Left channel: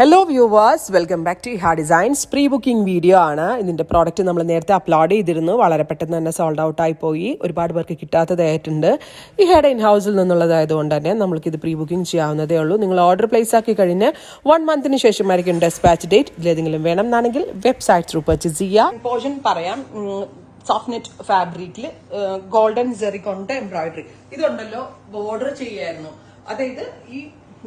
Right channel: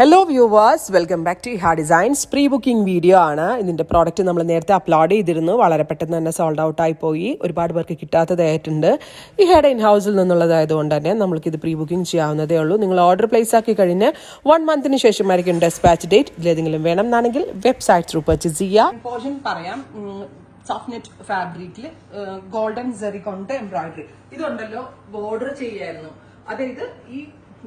Hello viewers, welcome back to Iha designs. Pre booking video ആണ്. ഇതിൻ്റെ product നമ്മൾ നേരത്തെ അപ്ലോഡ് ചെയ്തിരുന്നു. വളരെ പെട്ടെന്ന് തന്നെ സോൾഡ് ഔട്ട് ആയി പോയി. ഒരുപാട് പേർക്ക് കിട്ടാത്തതായിട്ടുണ്ട്. ഇഹയുടെ ഇൻ ഹൗസിൽ നിന്നുള്ളതായതുകൊണ്ട് തന്നെ നമ്മൾക്കിത് പ്രീ ബുക്കിംഗ് ചെയ്യാവുന്നതേ ഉള്ളൂ. നിങ്ങൾ ഓർഡർ പ്ലേസ് ആക്കി കഴിഞ്ഞ് 1 മന്തിന് ശേഷമായിരിക്കും ഡെസ്പാച്ച് ഡേറ്റ്. ഇതിലേതെങ്കിലും വേണം എന്നാണെങ്കിൽ വെബ്സൈറ്റ് ത്രൂ പർച്ചേസ് ചെയ്യാം. പോർഷൻ പറയാം. സോഫ്റ്റ് നെറ്റ് ഫാബ്രിക്കിൽ ഗോൾഡൻ സെറി കൊണ്ട് എംബ്രോയിഡറി ഇതുണ്ടല്ലോ ബോർഡർ ചെയ്യായിരുന്നു. അതായത് ഈ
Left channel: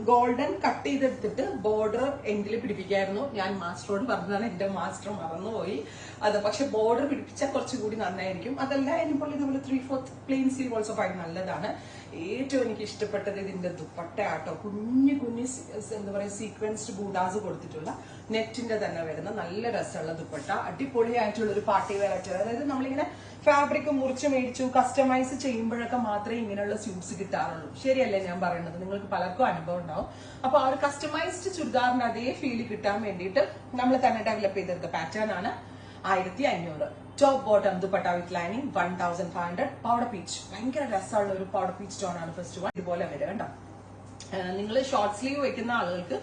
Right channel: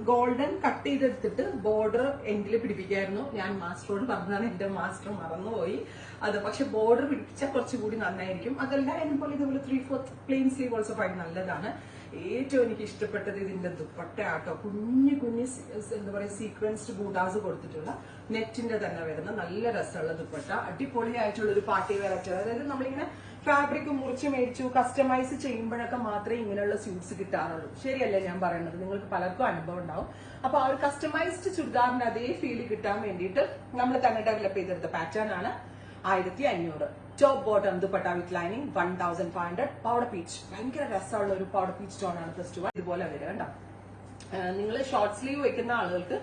ഗോൾഡൻ കട്ട് ചെയ്തെടുത്തിട്ട് ബോർഡർ എൻഡിൽ പിടിപ്പിക്കായിരുന്നു. ഞാൻ മാസ്റ്ററോട് പറഞ്ഞതാണ്, എന്റെ മാസ്റ്റർ മറന്നുപോയി അത്. പക്ഷെ ബോർഡർ പിടിപ്പിച്ചാൽ കുറച്ചുകൂടി നന്നായിരിക്കും. അതല്ല എനിപ്പോൾ ഇതുപോലെ 3/4 പ്ലെയിൻ സ്ലീവ് ഓൾസോ ഭയങ്കര നല്ലതാണ്. ഏറ്റവും എനിക്ക് ഇഷ്ടപ്പെട്ടത് ഇതിന്റെ ദുപ്പട്ട ആട്ടോ. കുഞ്ഞു കുഞ്ഞു എന്താ പറയുക സീക്വൻസ്ഡ് ബൂട്ടാസ് കൊടുത്തിട്ടുള്ള നെറ്റിന്റെ തന്നെ വരുന്ന നല്ല രസമുള്ള ദുപ്പട്ട. അടിപൊളിയായിട്ടുള്ള ഒരു പാർട്ടി വെയർ ആയിട്ട്. അതായത് നമ്മളിങ്ങനെ ഫാബ്രിക് മുറിച്ച് മേടിച്ചു കസ്റ്റമൈസ് ചെയ്യുമ്പോഴൊക്കെ മാത്രമേ ഇങ്ങനെയുള്ള സ്യൂട്ട്സ് കിട്ടാറുള്ളൂ. ശരിയല്ലേ ഞാൻ പറയുന്നത്? നിങ്ങൾക്ക് പലർക്കും അനുഭവം ഉണ്ടാവും. അപ്പൊ ആ ഒരു കസ്റ്റമൈസ്ഡ് ചുരിദാറിന്റെ അതേ ഫീല് കിട്ടാൻ വേണ്ടിയിട്ട് നമ്മൾ തന്നെ ഡെവലപ്പ് ചെയ്തെടുത്ത പാറ്റേൺ ആണ്. 1500. Top bottom dupatta with lining 1500. Powder peach ഭയങ്കര രസമുള്ള ഒരു പൗഡർ പീച്ച് ടോൺ ആണ് ഫസ്റ്റ് വൺ. ഇതുപോലെ വരിക കേട്ടോ. നിങ്ങൾ ഷോർട്ട് സ്ലീവ് വെക്കുന്ന ആളുകൾക്ക്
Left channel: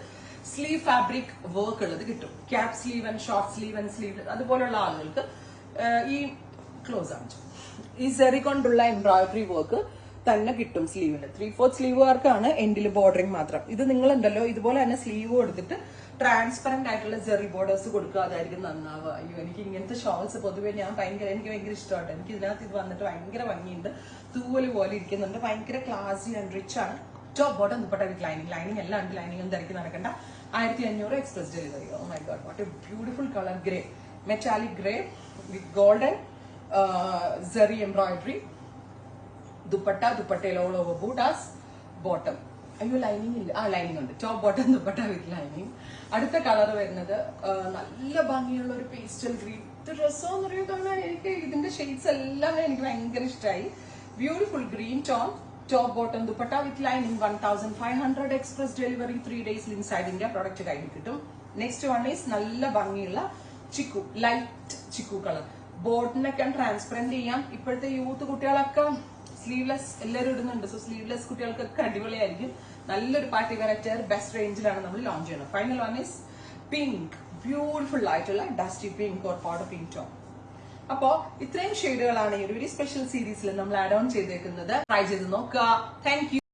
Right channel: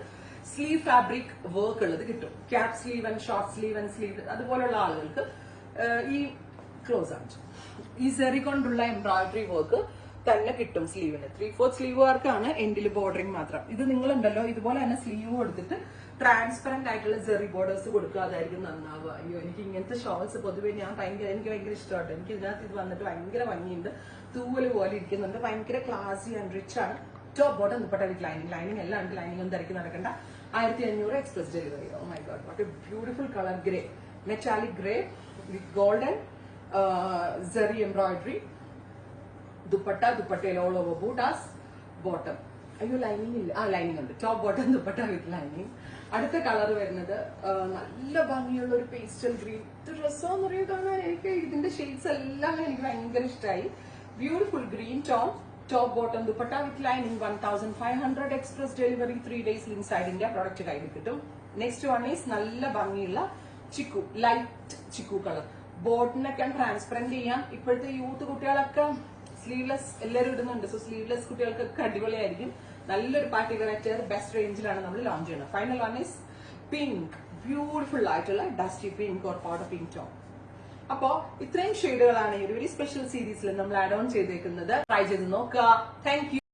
സ്ലീവ് ഫാബ്രിക് വർക്ക് ഉള്ളത് കിട്ടും. Cap sleeve and short sleeve and sleeve അതുപോലുള്ള ആളുകൾക്ക് ഈ ക്ലോസ് ആണ് ഈ സെറി കൊണ്ടുള്ള എംബ്രോയിഡറി വർക്ക് തന്നെ കിട്ടും സ്ലീവിന്. 3/4 സ്ലീവുകാർക്കാണ് എൻഡിൽ ബോർഡറിങ് മാത്രം. ഇത് നിങ്ങളുണ്ടല്ലോ ഇതുപോലെ തന്നെ സ്ലീവ് കൊടുത്തിട്ട് ട്രാൻസ്പെറന്റ് ആയിട്ടുള്ള ജെറി ബോർഡേഴ്സ് കൊടുക്കുക. അതായിരിക്കും നന്നാവുക. അയ്യോ, എനിക്ക് ഇങ്ങനത്തെ ഷോൾസ് പൊതുവെ എനിക്ക് ഭയങ്കര ഇഷ്ടമാണ്. എനിക്ക് ഇതിനകത്ത് ഇത് വന്നിട്ട് ഭയങ്കര ഭംഗിയുണ്ട്. തൂവല് പോലെ ഇരിക്കുന്നുണ്ട്. ഭയങ്കര ക്ലാസി ആൻഡ് റിച്ച് ആണ്. Top bottom dupatta with lining എല്ലാം ഉണ്ട്. ലൈനിങ് ഒന്നും തിരക്കി നടക്കണ്ട. 1500 express delivery. Oh my god, what a beautiful colour. Grey, metallic grey with golden zari embroidery. ദുപ്പട്ടയിൽ ഓൾ ഓവർ ബൂട്ടാസ്. ബോട്ടം അയ്യോ ലൈനിങ് ഇല്ല. ലൈനിങ് ഉണ്ട്. Top bottom dupatta with lining. അടുത്ത കളർ വരുന്നത് നല്ല ഭംഗിയുള്ള ഒരു പേസ്റ്റൽ ഗ്രീൻ. ഇത് ഡ്രസ്സോന്ന് പറയുന്നത് എനിക്ക് ഇതിന്റെ ഷെയ്ഡ്സ് എല്ലാം എനിക്ക് ഭയങ്കര ഇഷ്ടമായി. Beautiful green top bottom dupatta with lining 1500 express delivery. 3 days inside India product കയ്യിൽ കിട്ടും. നെക്സ്റ്റ് വൺ ഈസ് നല്ല ഭംഗിയുള്ള ചിക്കു, ലൈറ്റ് ചിക്കു കളർ. ബോട്ടിനൊക്കെ ട്രാൻസ്പെറന്റ് ചെയ്യാം. ഇപ്പോഴത്തെ യൂത്ത് കുട്ടികളൊക്കെ സ്ലീവ്ലെസ് എല്ലാവരും ഇടുന്നുണ്ട്. സോ സ്ലീവ്ലെസ് കുട്ടികൾക്കൊക്കെ അടിപൊളിയായിരിക്കും. നല്ലൊരു പാർട്ടി വെറൈറ്റി ബെസ്റ്റ് റേഞ്ചിലാണ് നമ്മൾ ലോഞ്ച് ചെയ്യുന്നത്. Final one is pink, beautiful ആയിട്ടുള്ള dusty pink or powder pink tone. അപ്പോ ഇത്രയും ഷെയ്ഡുകളാണ് ഈ ഒരു വെരി സ്പെഷ്യൽ സീരീസിൽ നമ്മൾ ആഡ് ഓൺ ചെയ്തേക്കുന്നത്. ട്രൈ ചെയ്ത് നോക്കുക. Thank you.